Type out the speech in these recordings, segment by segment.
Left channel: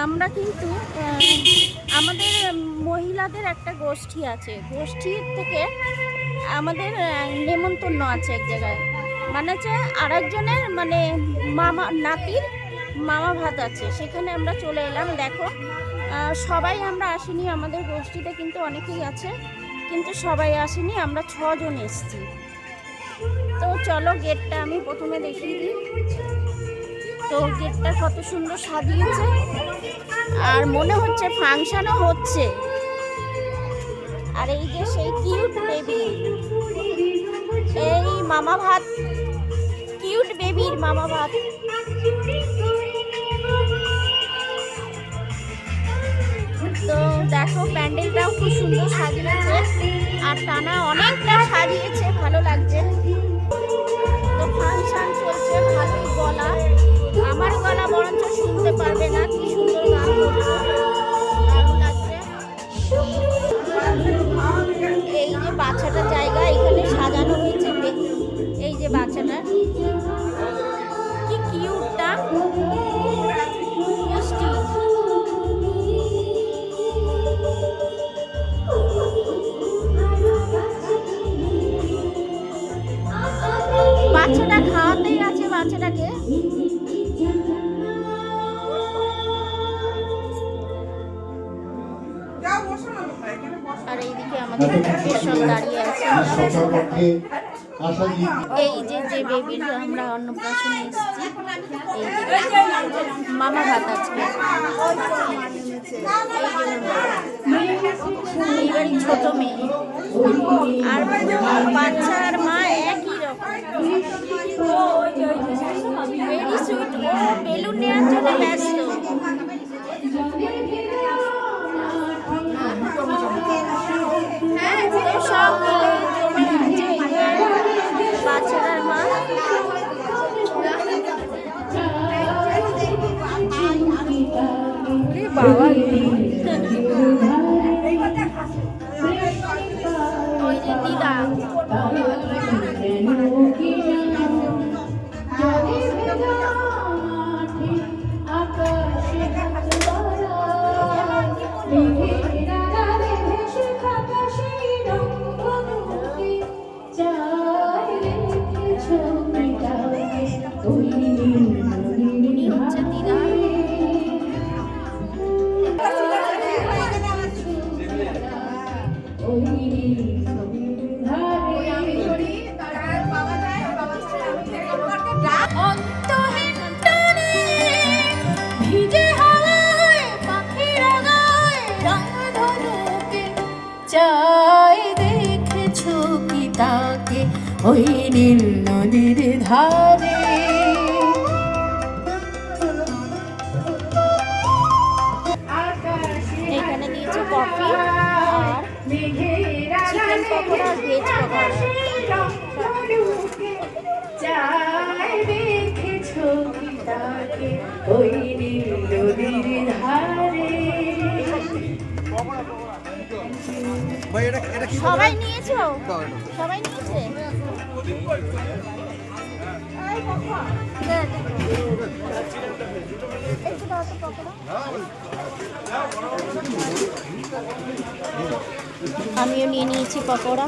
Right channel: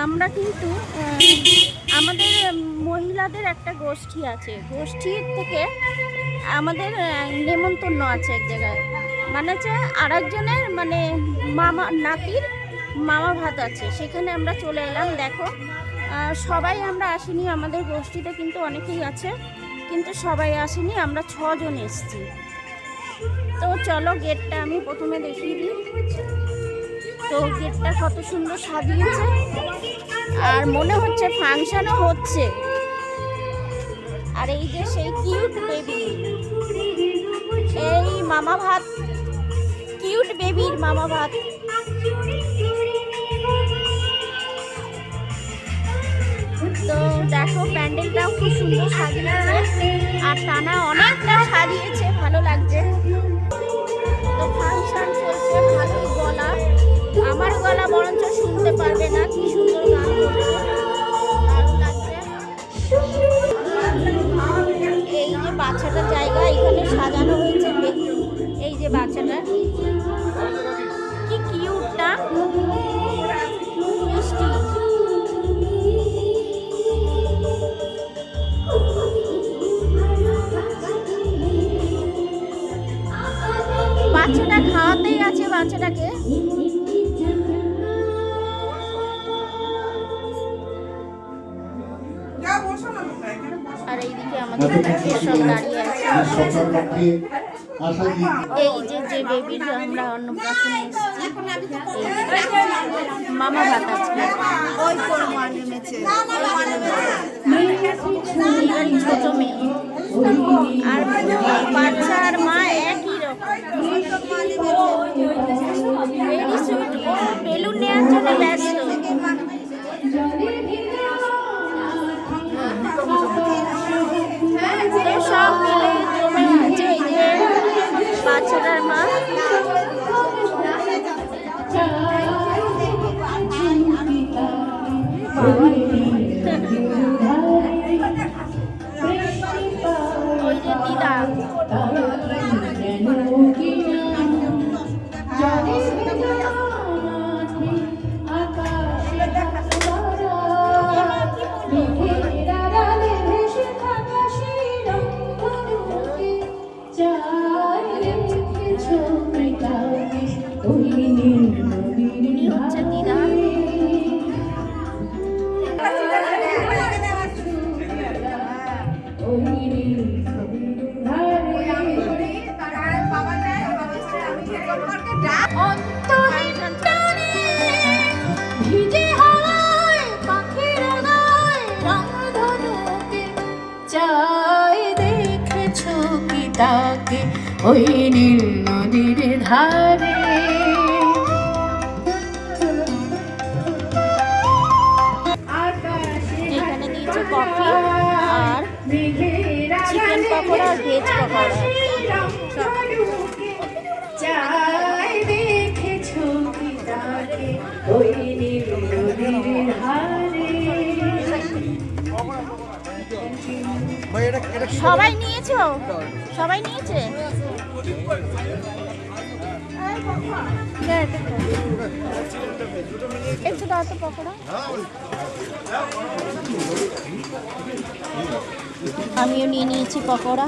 আমরা কিন্তু আমাদের মহিলাদের একটা গোষ্ঠী আছে, গোষ্ঠীর থেকে আমাদের নেমন্তন্ন আছে এক জায়গায়, মানে হচ্ছে আরেকজনের মানে মামা নাতির মামা ভাত আছে, সেখানে আমরা চলে এলাম। দেখো সবাই আমরা আসিনি, আমাদের গোষ্ঠীতে কিন্তু অনেকেই আছে, কিন্তু সবাই আসেনি, আমরা 6 জন এসেছি। তো চলো গেটটা আমি প্রথমে দেখিয়ে দিই। তো গেটটা কত সুন্দর সাজিয়েছে, আর মনে হচ্ছে ফাংশনও হচ্ছে। আর এই যে সেই কিউট বেবি, এই মামা ভাত, কিউট বেবির মামা ভাত। তো দেখো প্যান্ডেলটাও খুব সুন্দর সাজিয়েছে, আর টানা অনেকটা সাজিয়েছে, ভালো লাগছে। তো ফাংশন চলছে, ভালোই গলা, আমার গলা বরঞ্চ শুনতে পারবে না, কি সুন্দর গান করছে, দারুণ লাগছে। এই যে বাচ্চাটার জায়গা এখানে সাজানো হয়েছে, এই যে বাচ্চাটা কি কিউটটা, মিষ্টি। বাচ্চাটা খাওয়াতেই আছে বাচ্চাটাকে। আর এইদিকে আমাদের সব দাঁড়িয়ে আছে। এই যে যে বেবির আমরা অন্নপ্রাশনে এসেছি, এই যে মামা ভাত আজকে, এইবারই ছোট মেয়ে, আর বাচ্চা আর মা একই রকম, ভেরি সুইট। ও বেলুন নেওয়ার জন্য ব্যস্ত। সব মিলে বাচ্চাটার মা ওই যে দিদা, উনি হচ্ছে দিদা। ওই নীল নদীর ধারে এখানে দিয়েছে কফি আর চিকেন পকোড়া আর ভেজ পকোড়া। সবাই নিয়েছো? সবাই নিয়েছে? একটু দাও তো পকোড়া। আমিও নিয়ে নিয়েছি পকোড়া।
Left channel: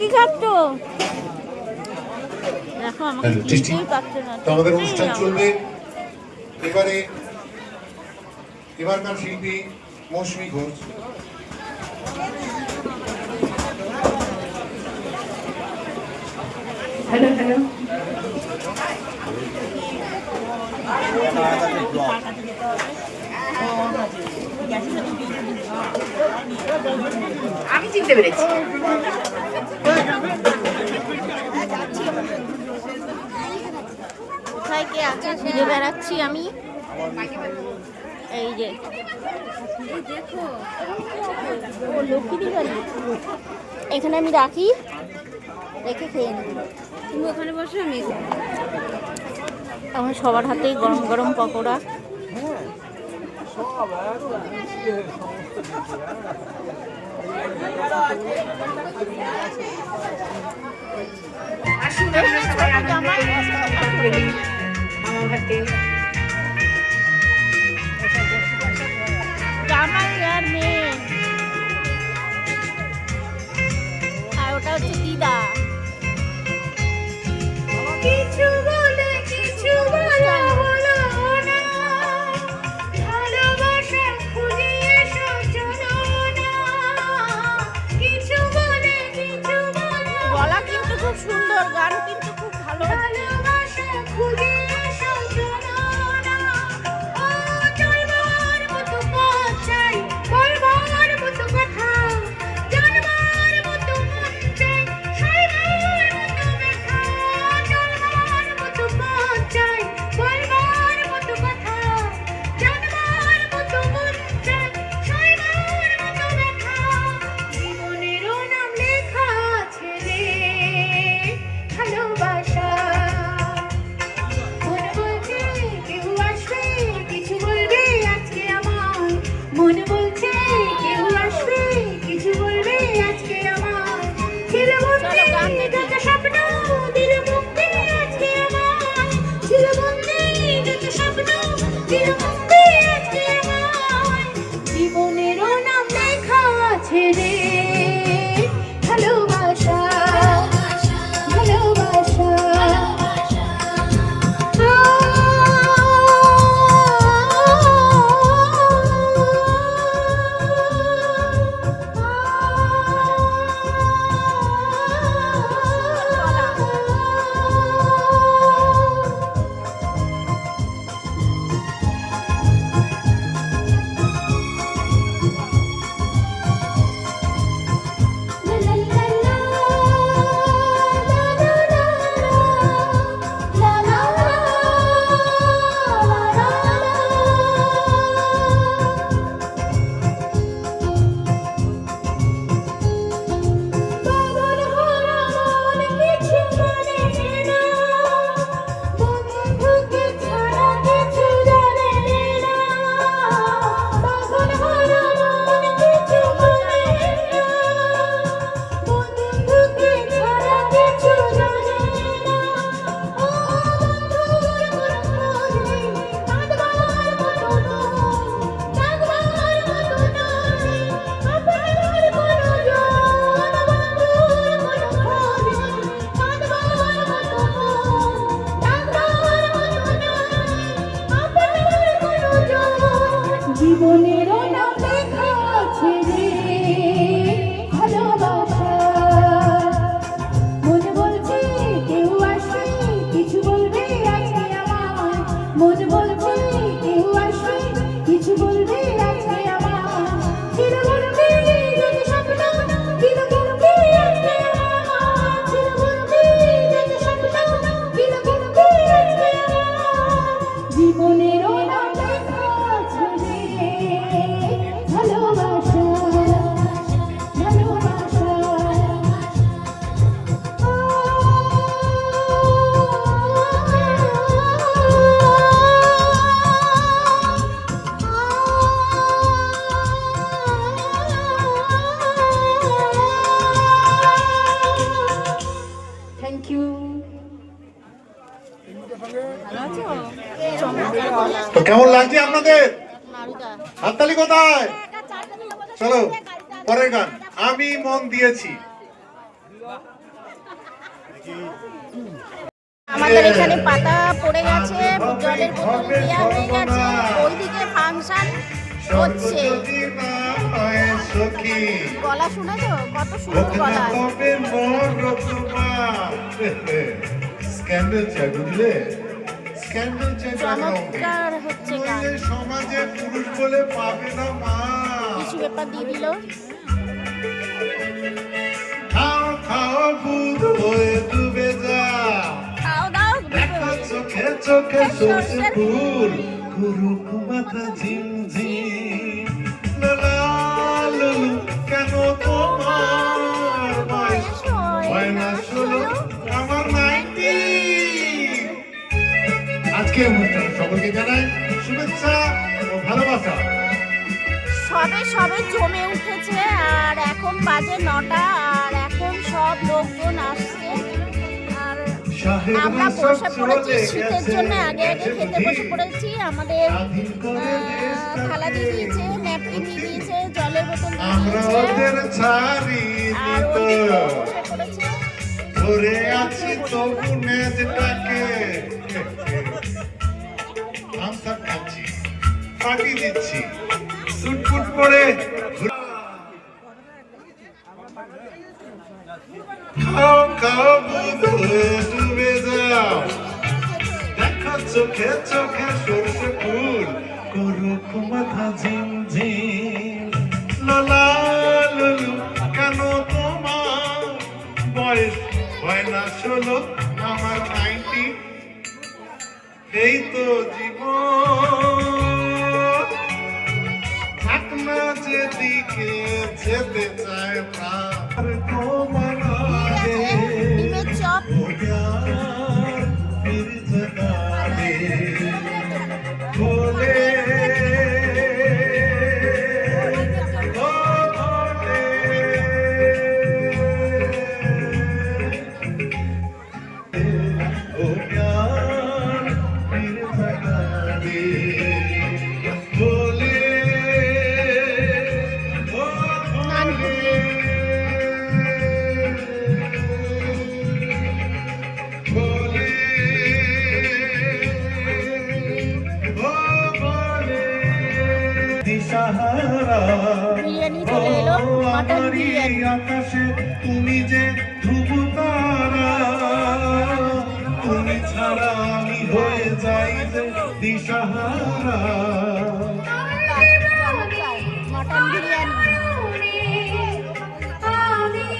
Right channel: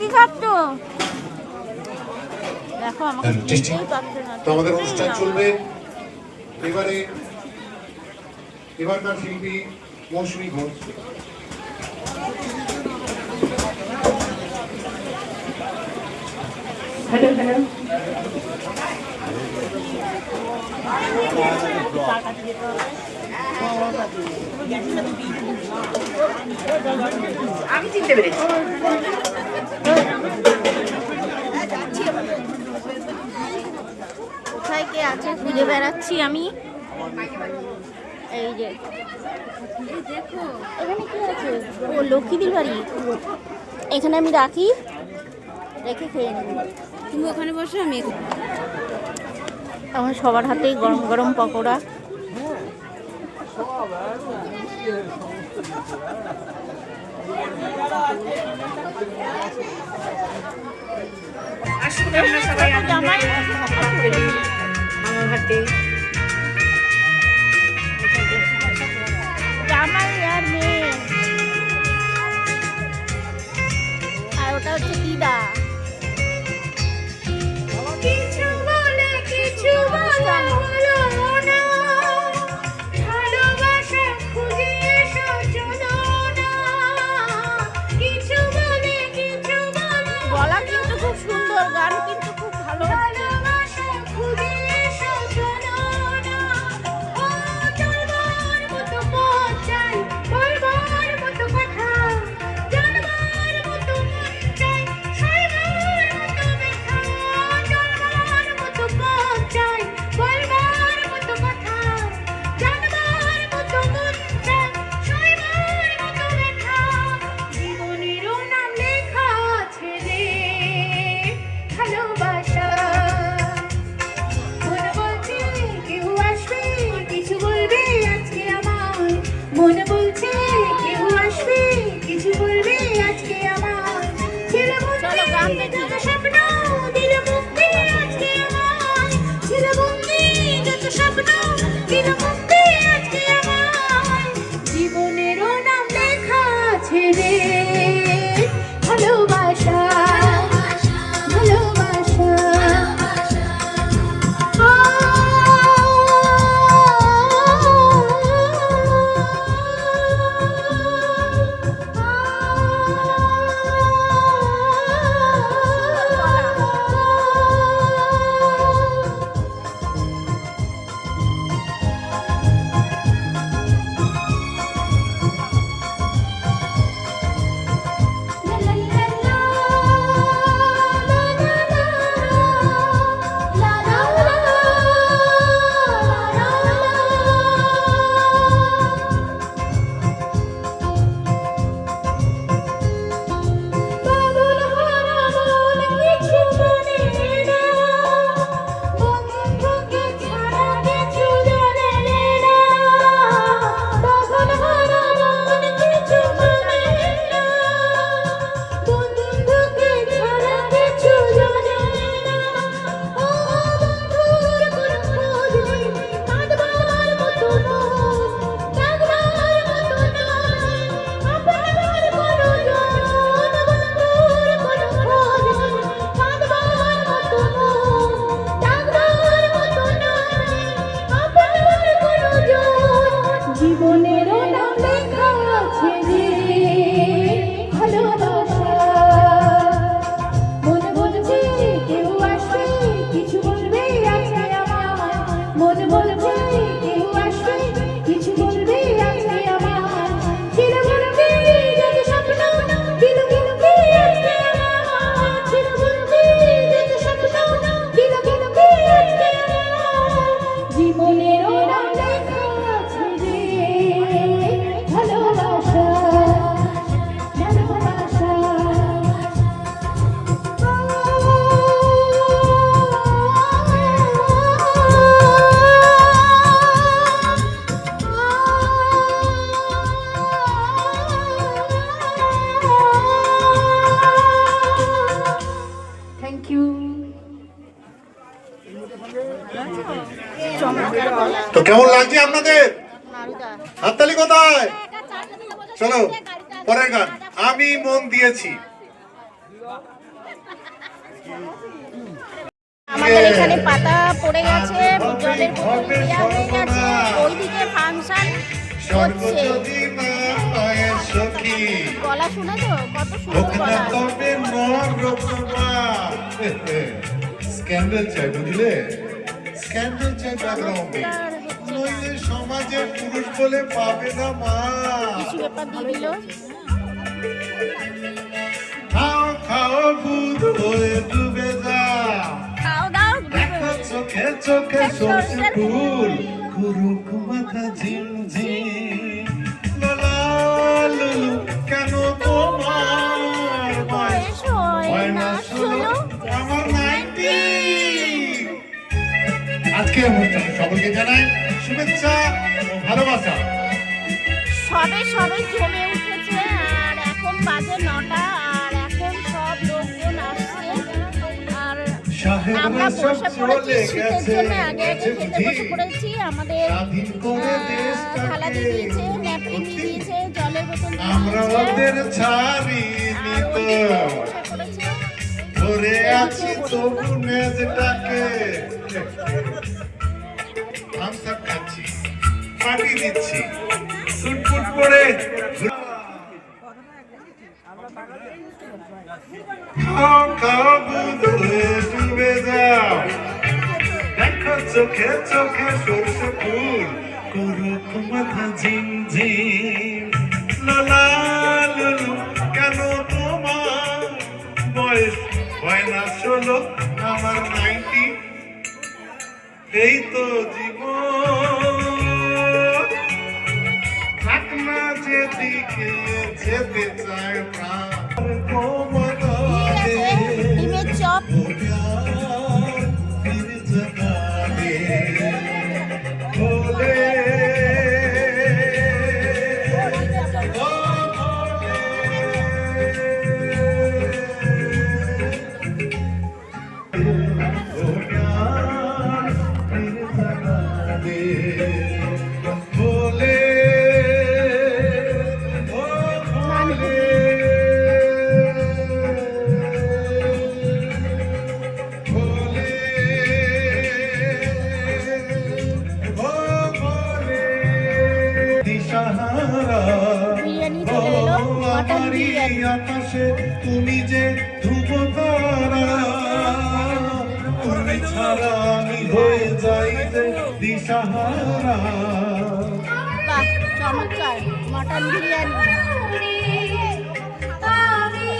কি খাচ্ছ? দেখো আমাকে কিছুই পাচ্ছে না। তো আমাদের অনুষ্ঠান চলবে। এবারকার শিল্পী মৌসুমী ঘোষ। আমি চিনতে পেরেছি। কোথায় কে আছে খুঁজে বেড়াচ্ছি আমি। এই যে দেখো এখানে কি আছে? ও লক্ষ্মীদের বাড়ি। এখানে আমি রাখি, রেখে খেয়ে নেব। তুমি ওখানে বসো, আমি আমার সবার হাতেই গরম গরম পকোড়া। এখানে ছোট জামাই আর ছোট মেয়ে। আমার হাতে জামাই আর মেয়ে, আর ওটা হচ্ছে দিদা। কিছু বলে কিছু বলা হলো না, ভালোবাসা খুঁজে এসো চলো না, কিছু বলে কিছু বলা গলা কিন্তু খুব সুন্দর, গান কিন্তু খুব ভালো। ভালোবাসা খুঁজে এসো চলো না, ও চলবার মতো পথ চাই, বলবার মতো কথা, জানবার মতো মন চাই, সইবার মতো ব্যথা, চলবার মতো পথ চাই, বলবার মতো কথা, জানবার মতো মন চাই, সইবার মতো ব্যথা, জীবনেরও নাম লেখা আছে রে ভালোবাসা। মন বলছে কেউ আসবে কিছু বলবে আজকে আমায়, মন বলছে কেউ আসবে কিছু বলবে আজকে আমায়, ছেলে চলো গান দেখি। যত স্বপ্ন দিল মুক্তি আজকে আমায়, ছেলে বন্দি যত স্বপ্ন দিল মুক্তি আজকে আমায়, জীবনেরও নাম লেখা আছে রে ভালোবাসা ভালোবাসা। সুন্দর গলা। জীবনেরও নাম লেখা আছে রে ভালোবাসা। মন বলছে কেউ আসবে কিছু বলবে আজকে আমায়, মন বলছে কেউ আসবে কিছু বলবে আজকে আমায়, ছেলে বলবে যত স্বপ্ন দিল মুক্তি আজকে আমায়, ছেলে বলবে যত স্বপ্ন দিল মুক্তি আজকে আমায়, জীবনেরও নাম লেখা আছে রে ভালোবাসা ভালোবাসা। Thank you. চমৎকার গলা। তো কেমন লাগছে আপনাদের? নারুদা। হাততালি কোথায়? চলো পরের গান, আমি মন দিয়েছি। আমাদের এখানে পাতা পড়ে গেছে, জলের বোতল দেওয়া হয়ে গেছে, ওইদিকে ফাংশন হচ্ছে। সর্বযোগী না হয় সখী, গলা শুনেছো কত সুন্দর গলা। তবে মোর রূপমা। স্ক্যান্ডাল চাই বুঝলে, স্ক্যান্ডাল চাই ব্যাকগ্রাউন্ডে, চমৎকার হচ্ছে গান। নইলে সমাজে পুরুষ বলে পাবে না মা। কিছু ব্যাপার দিয়ে দিল। খাও খাও বুধ হয়ে ডুবে যা, খাও দাও দেখো চোখে চোখে সরষে ফুল, কুরুক মাথা ঝিমঝিম। লালা লুলু, কেন তোমার বয়স হয় না ষোলো, আমার 90। আজকের অনুষ্ঠানে সকলকে জানাই শুভেচ্ছা ও ভালোবাসা। সবে সবে জমে উঠেছে, আর এখন বাজে 9টা, আর এখন সব লোকজন আসছে। আর আমরা বসে পড়েছি শীতের জন্য, আগে আগে খেতে বসে পড়েছি। আমাদের থালা দিয়ে দিয়েছে, ন্যাপকিন দিয়ে দিয়েছে, জলের বোতল দিয়ে দিয়েছে, আর ওইদিকে বসে পড়েছে। ধরে আছি তবু নেজটাকে আমসাপ খাচ্ছি, পার্টি দিচ্ছি, সুটফুট পরে খাও খাও বুধে ডুবে যাও, দেখো চোখে চোখে সরষে ফুল করুক মাথা ঝিমঝিম। লোলা লুলু কেন তোমার বয়স হয় না 16, আমার 90, এই তো জীবন। থাক না যেদিকে যেতে চায় প্রাণ, ডিমের চপ, বিরিয়ানি চলে এলো, মাটন বিরিয়ানি। আকাশে তুমি যে ধ্রুব তারা, তুমি ছাড়া আমি হয়ে যাই যে দিশাহারা। চমৎকার মাটন বিরিয়ানি।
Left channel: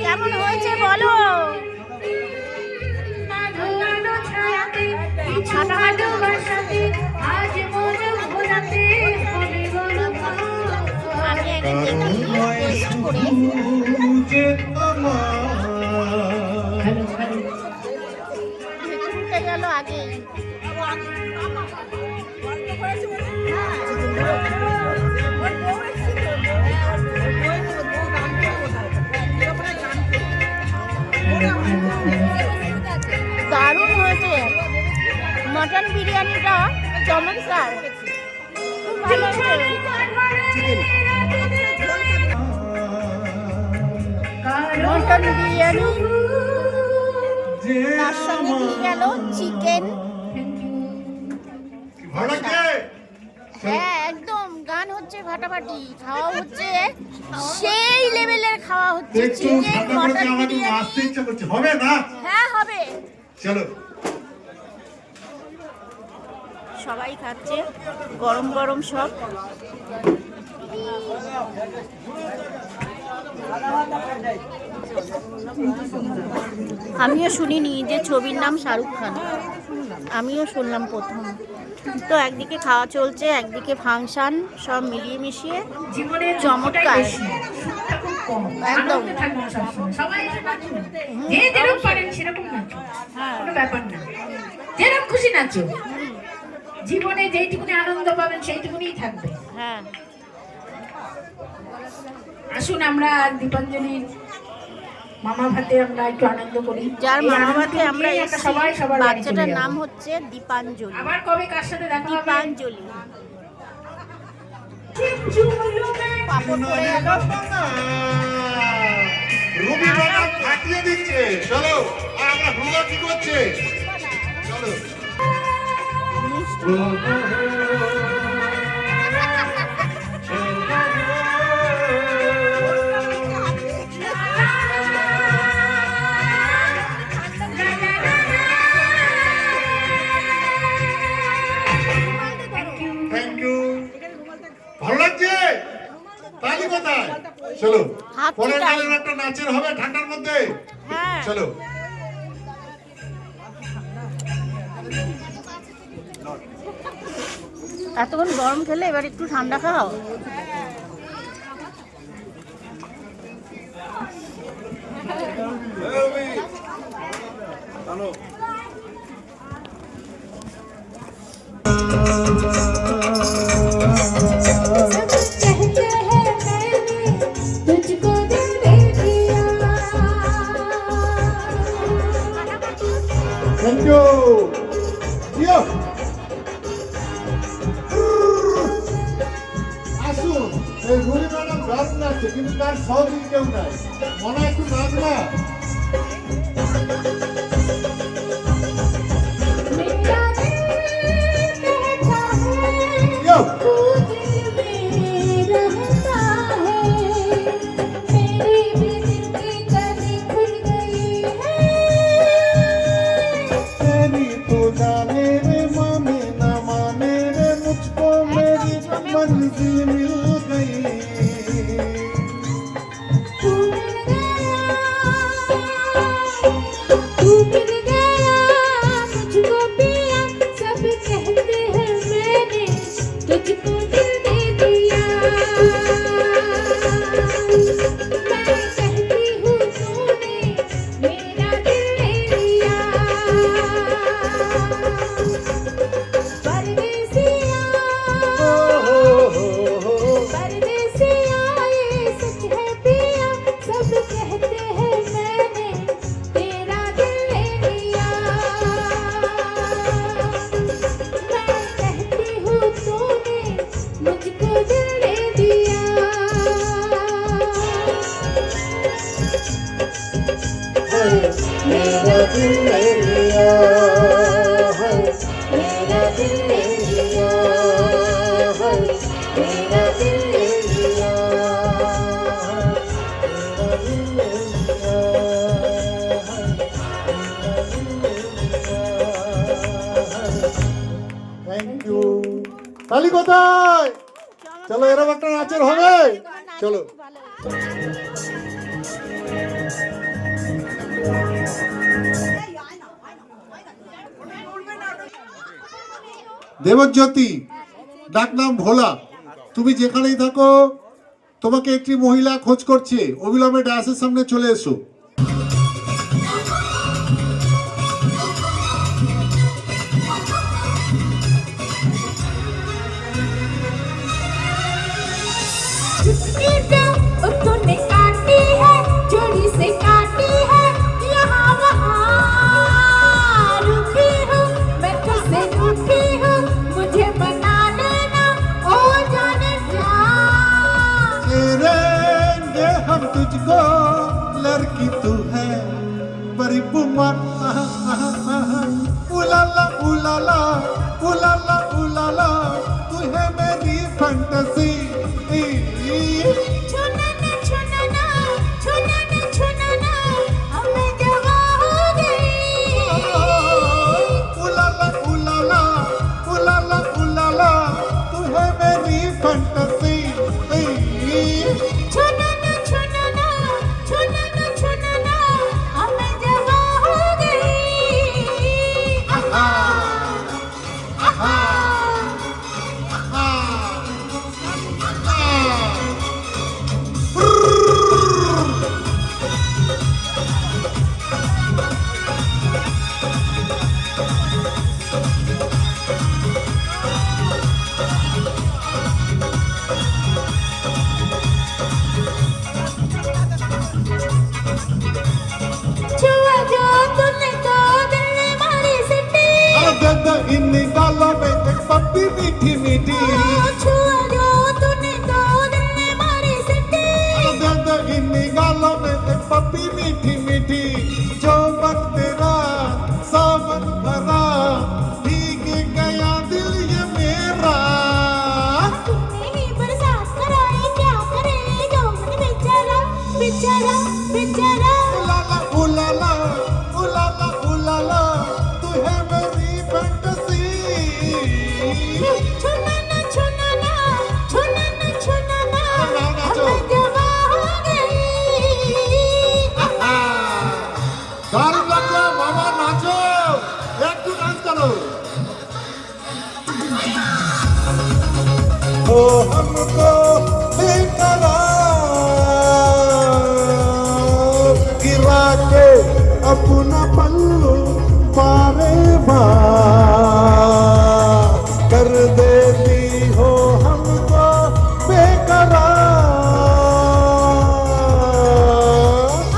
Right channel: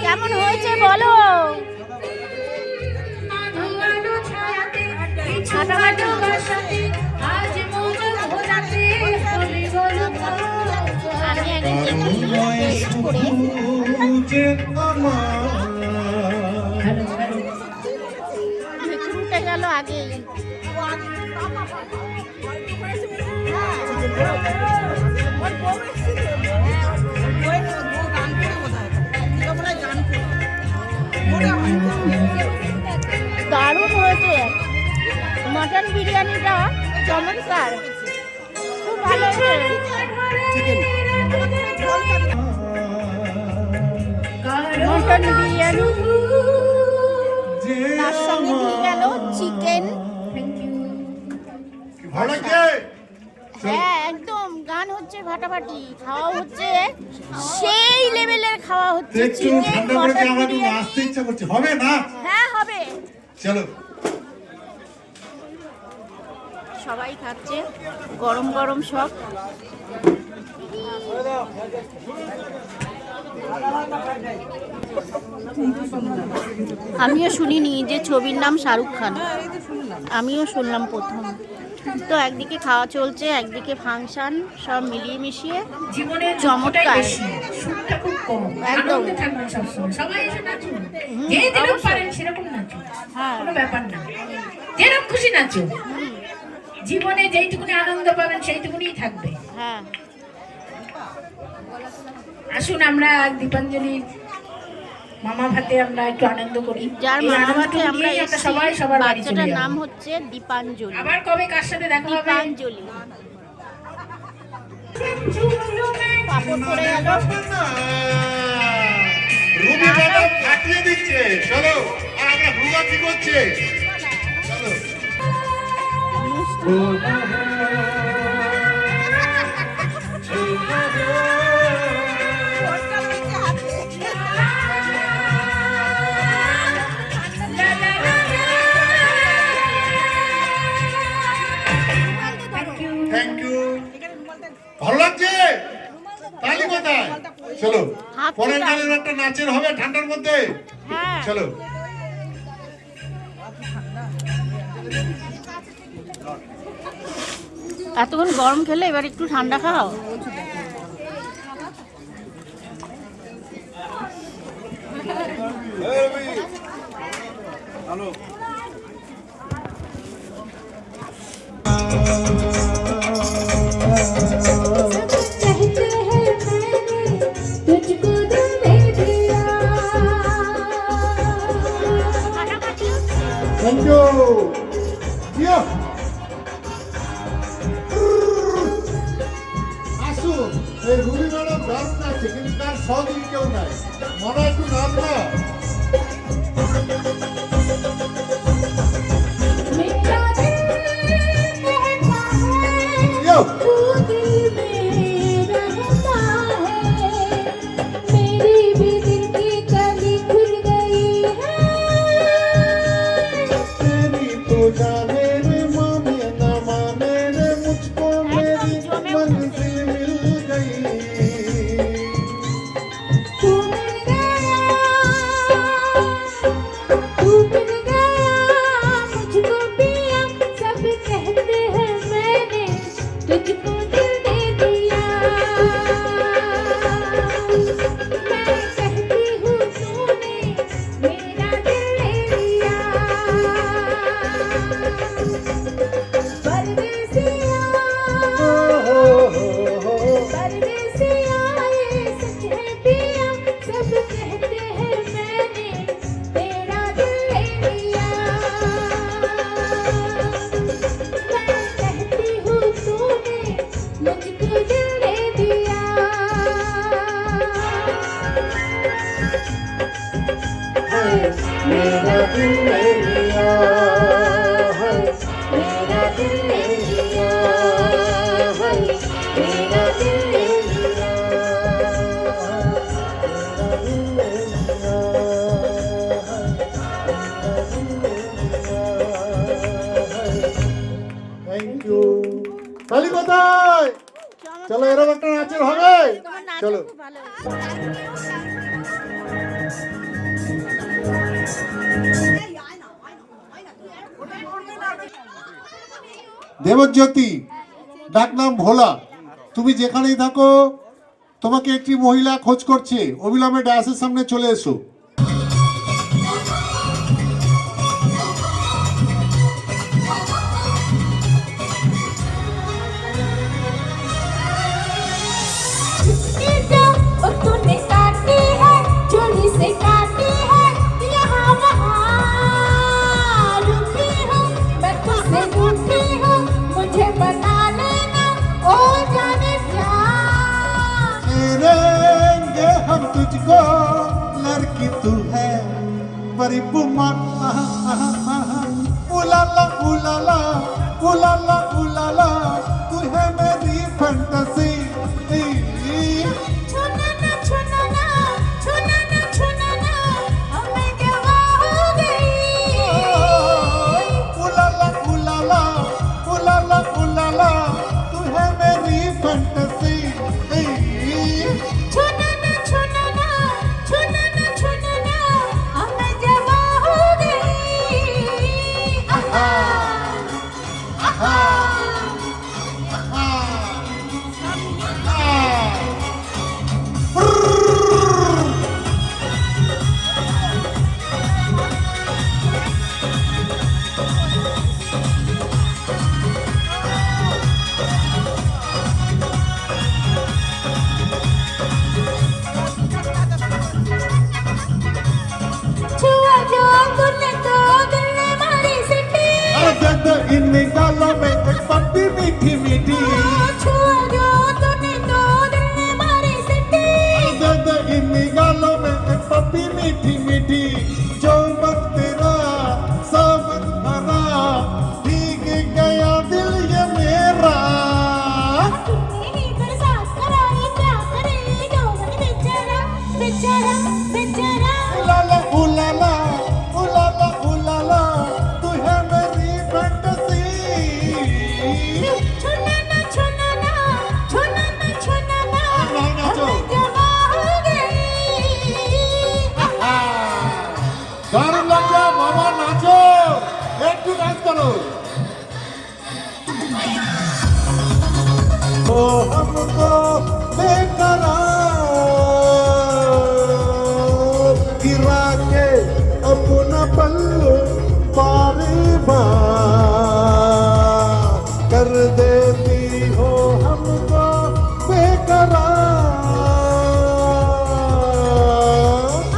কেমন হয়েছে বলো? আমি একদিন করে ঘুরতে গেল আগে। দারুণ হয়েছে মাটন বিরিয়ানিটা, চমৎকার, খুব ভালো হয়েছে। মটন বিরিয়ানি, তার সঙ্গে দিয়ে গেল চিকেন। হ্যাঁ একদম, গান হচ্ছে ফাটাফাটি, খাওয়া হচ্ছে সেই লেভেলের খাওয়া হচ্ছে। চিকেন মটন বিরিয়ানি হবে না? হ্যাঁ হবে। চলো, সবাই খাচ্ছে গরম গরম সব। আমিও শুনিনি যে ছবির নাম শাহরুখ খান, আমিও শুনলাম প্রথম। তো একদিকে খাওয়া চলছে, একদিকে ফাংশন, সব মিলিয়ে মিশিয়ে চমৎকার একদম। যেরকম খুশি নাচো, জীবনে যেইটুকুনি আনন্দ পাবেন সেইটুকুনি থাকবে। হ্যাঁ, আসুন আমরা দীপাঞ্জলির মামা ভাতে আমরা একটু আনন্দ করি। যার এই মামা আনন্দ ভাতে আমরা নিয়ে এসেছি, সবাই সবার বাড়ি চলে বাচ্চাটার যাবো। নাম হচ্ছে দীপাঞ্জলি। আবার কবে কার সাথে দেখা হবে? দীপাঞ্জলি। পাপড় পড়ে গেল। রুবি ম্যাডাম ফাটিয়ে দিচ্ছে। চলো, আর আমরা হুলবাতি করছে। চলো। Thank you. ভালো লাগছে? তালি কোথায়? চলো, পরের গানের একটা নাচের হবে ঠান্ডার মধ্যে। হ্যাঁ চলো। এতক্ষণ গরম খেলে এবার একটু ঠান্ডা খাও। হ্যালো, तुझको दिल दे दिया। মনে একটু নাচ না। मेरा दिल कहता है Yo! तू दिल में रहता है मेरी भी दिल की कली खुल गई है तेरी तो जाने रे माने ना माने रे मुझको मेरी मंजिल मिल गई। तू मिल गया मुझको पिया सब कहते हैं मैंने तुझको दिल दे दिया मैं कहती हूँ तूने मेरा दिल ले लिया परदेसिया परदेसिया ये सच है पिया सब कहते हैं मैंने तेरा दिल ले लिया मैं कहती हूँ तूने मुझको दिल दे दिया मेरा दिल ले लिया है, मेरा दिल ले लिया है, मेरा दिल ले लिया है, मेरा दिल ले लिया है, मेरा दिल ले लिया है। Thank you. তালি কোথায়? চলো এরকম একটা নাচের হবে। চলো দেবজ্যোতি, ডাকনাম ভোলা, তুমি যেখানেই থাকো তোমাকে একটি মহিলা খোঁজ করছে, অবিলম্বে ডায়াসের সামনে চলে এসো। ईटा तूने काटी है चोरी से काटी है यहाँ वहाँ रुकी हूँ मैं तुझसे रूठी हूँ मुझे बना लेना ओ जाने क्या चेरेंगे हम तुझको, लड़की तू है बड़ी बुमा, उलाला उलाला उलाला उलाला, तू है मेरी फैंटेसी। छूना ना छूना ना छूना ना छूना ना हमें जवा हो गई उलाला उलाला उलाला उलाला, तू है मेरी फैंटेसी। छूना ना छूना ना छूना ना छूना ना हमें जवा हो गई आहा आहा छुआ जो तूने तो दिल ने मारी सिटी इन गालों में एक पप्पी मीठी मीठी, छुआ जो तूने तो दिल ने मारी सिटी इन गालों में एक पप्पी मीठी मीठी, जो वक्त तेरा सावन भरा भीग गया दिल ये मेरा। तूने ही बरसात कराई क्या करे यौवन बेचारा बेचारा बेचारा उलाला उलाला उलाला उलाला, तू है मेरी फैंटेसी। छूना ना छूना ना छूना ना छूना ना हमें जवा हो गई दारुण লাগলো বাবা, নাচো একটু ডান্স করো। ओ हमको बेकरार गिरा के अपना पल्लू बारे बार कर देती हो हमको बेकरार।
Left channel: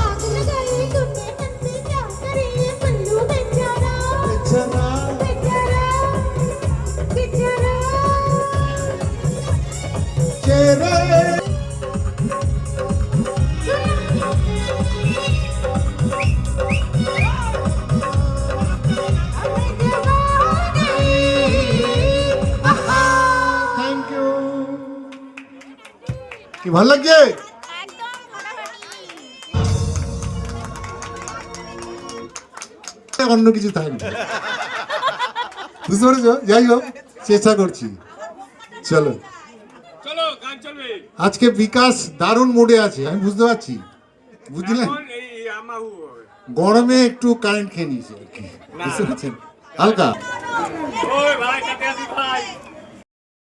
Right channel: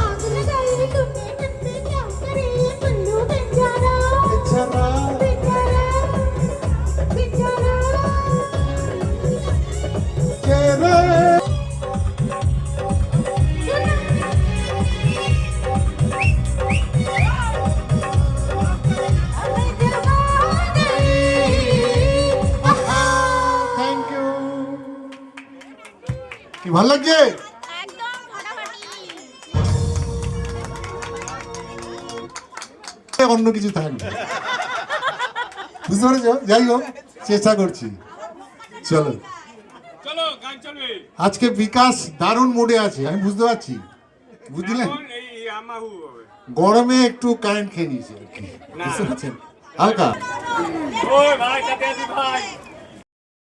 आग लगाई तूने मन में क्या करे पल्लू बेचारा बेचारा बेचारा बेचारा चेहरे কি ভালো লাগছে? একদম ফাটাফাটি। অন্য কিছু থাকবে, বুঝতে পেরেছো? যাই হোক, চেষ্টা করছি। চলো চলো গান চলবে। আজকে বিকাশ দারুণ মুডে আছে, আমি বুঝতে পারছি, বুঝলেন? এখন এই আমাহু গরমে একটু কারেন্ট খেয়ে নিয়েছে আর কি, বুঝতে পারছেন, হালকা। ওই ভাই কাতে আসি ভাই।